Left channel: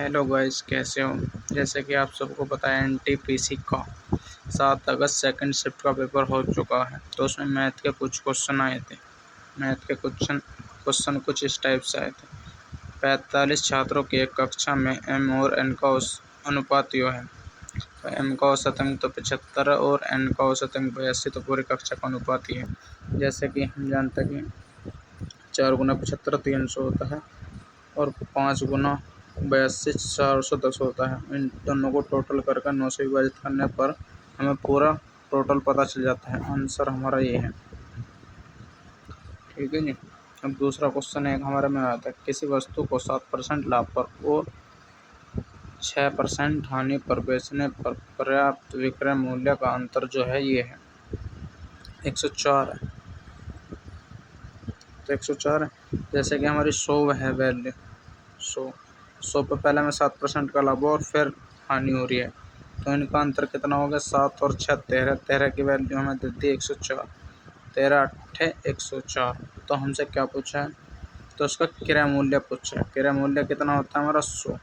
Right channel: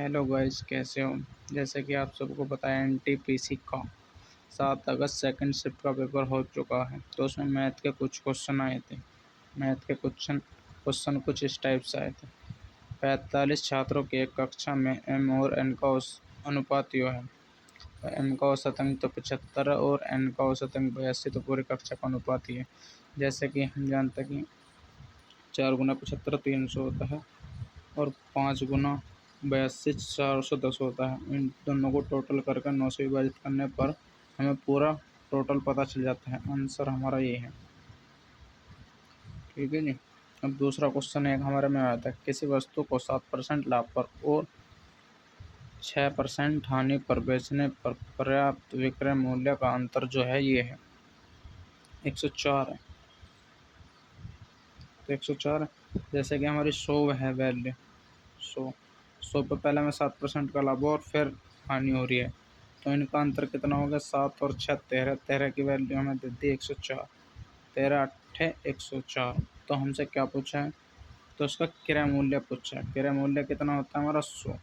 Hello guys, कैसे हो। जैसे कि आप सबको पता है एनटीपीसी का 7 अगस्त सेकंड शिफ्ट का पेपर हो चुका है। तो उसमें मैथ के कुछ क्वेश्चन आए थे। मैथ के क्वेश्चन कुछ इस टाइप से आए थे। 45 छात्रों की एक कक्षा में एम और एन का अनुपात यो है। तो एम का औसत अंक तो 75 और एन का औसत अंक 82, तो पूरी कक्षा का अनुपात ही है। जैसे कि हम जानते हैं कि 4 गुना 75 300 होता है और 5 गुना 82 410 होता है। इन दोनों को टोटल करके 9 से विभाजित करने पर हमें पूरा टोटल पता चल जाता है। आंसर हमारा ये है। ठीक है जी। अब दूसरा क्वेश्चन एक हमारे में आया था, किसी वस्तु को 7% लाभ पर और 6% हानि पर बेचने पर पर्याप्त विक्रय मूल्य का अंतर जो है ये है 104 है। तो 104 है। जैसे कि हमारी 100 है वैल्यू, 100 पे पहले में 7% का लाभ और फिर हानि हो रही है, तो इनका अंतर कितना हो गया। 7 और 6 13, 13 की वैल्यू हमें दे दी 104, 13 8 104। तो हमसे क्या पूछा है, तो उसका क्रय मूल्य पूछा है। क्रय मूल्य कितना होता है हमारा 100,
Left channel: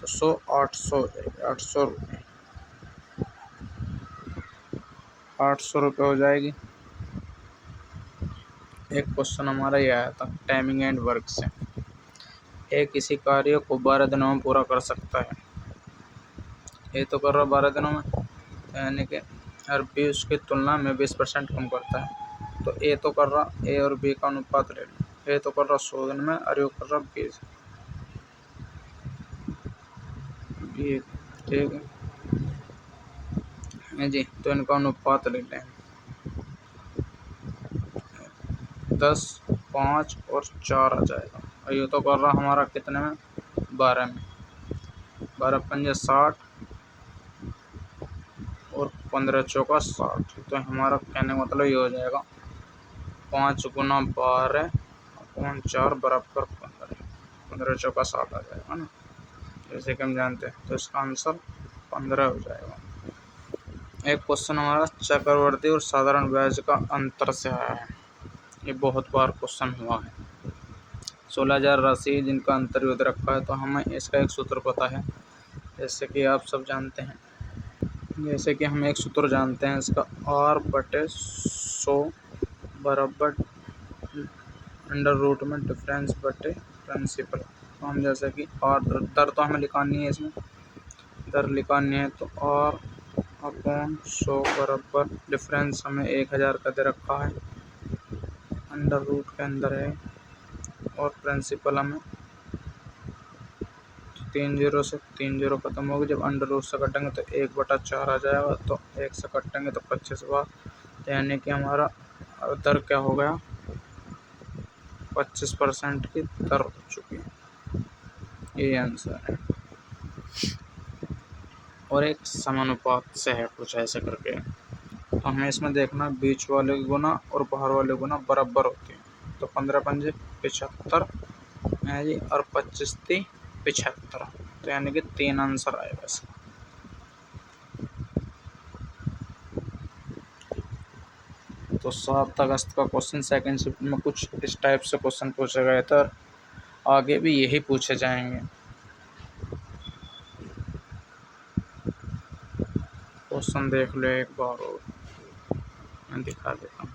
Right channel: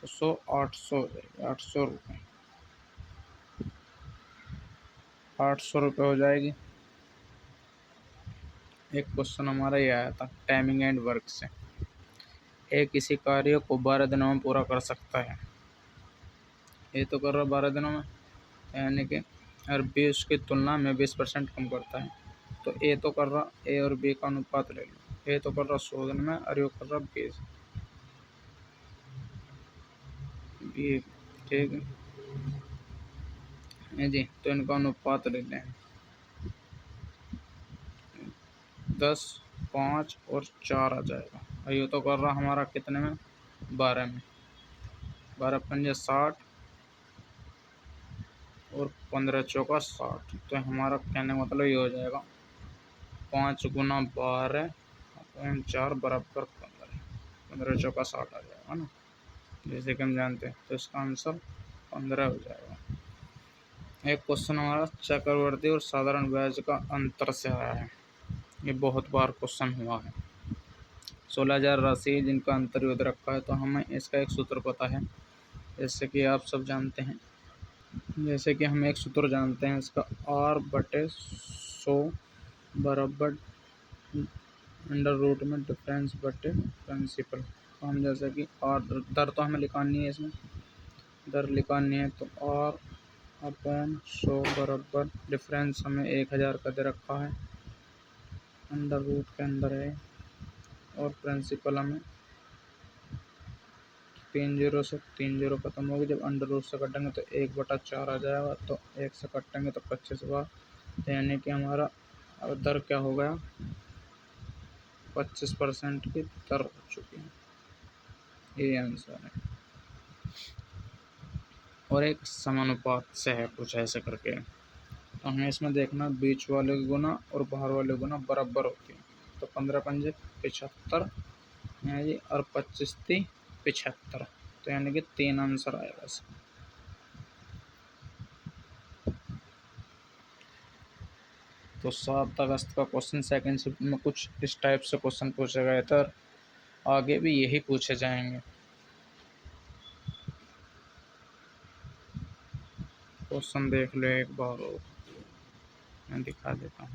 तो 100 800 800 रुपये, 800 रुपये हो जाएगी। एक क्वेश्चन हमारा ये आया था टाइमिंग एंड वर्क से। एक किसी कार्य को 12 दिनों में पूरा कर सकता है। ये तो कर रहा 12 दिनों में, यानी कि और बी उसकी तुलना में 20% कम करता है। तो ए तो कर रहा, ए और बी का अनुपात ले लो। ए तो कर रहा 100 दिन में और यू कर रहा 20। ये ठीक है जी। तो इनका अनुपात ले लें 10 5 और 4 आ जाएगा। और ये तो कर रहा हमारा कितने में 12 में, 12 पंजे 60 और 15 चौका 60। तो हमारा कहने का मतलब ये हो जाएगा 5 गुना 12 और 4 बराबर 15, 15 चौका 60 आ जाएगा ना, जैसे कि हम जानते हैं। तो इसका आंसर 15 हो जाएगा। एक क्वेश्चन हमारा चक्रवर्ती और साधारण ब्याज का अंतर से आया है। ये बहुत बार क्वेश्चन हुआ है। 16,000 राशि जिनका अंतर युद्ध रखा है, तो हमें इसका एक सूत्र पता है। जैसे कि आप सब जानते हैं, जैसे कि हम एक सूत्र जानते हैं इसका, R/100 बराबर अंडर रूट में डिफरेंस बटे प्रिंसिपल। तो हम जैसे कि और दर तो हमें लिखानी है, इसमें दर लिखानी है, तो R/100 बराबर डिफरेंस हमें 1000 का दे रखा है, अंडर रूट के अंदर है, और प्रिंसिपल हमें 3 जीरो से 3 जीरो खत्म होगी। जब अंडर रूट से कटेंगे तो 1/4 आ जाएगा, तो 1 से कटेंगे तो 25 बार, यानी कि हमारा दर क्या हो गया 25% की दर हो चुकी है। ये आंसर है। और एक समानुपात से है कुछ ऐसे करके, तो हमें इसमें देखना बीच वाले की गुना और बाहर वाले गुना बराबर होती है। तो 15 पंजे 75 है जी, और 25 × 75, तो यानी कि 3 आंसर आएगा इसका। तो 7 अगस्त का क्वेश्चन सेकंड शिफ्ट में कुछ इस टाइप से क्वेश्चन पूछे गए थे और आगे भी यही पूछे जाएंगे। क्वेश्चन देख लो एक बार और मैं दिखा देता हूँ।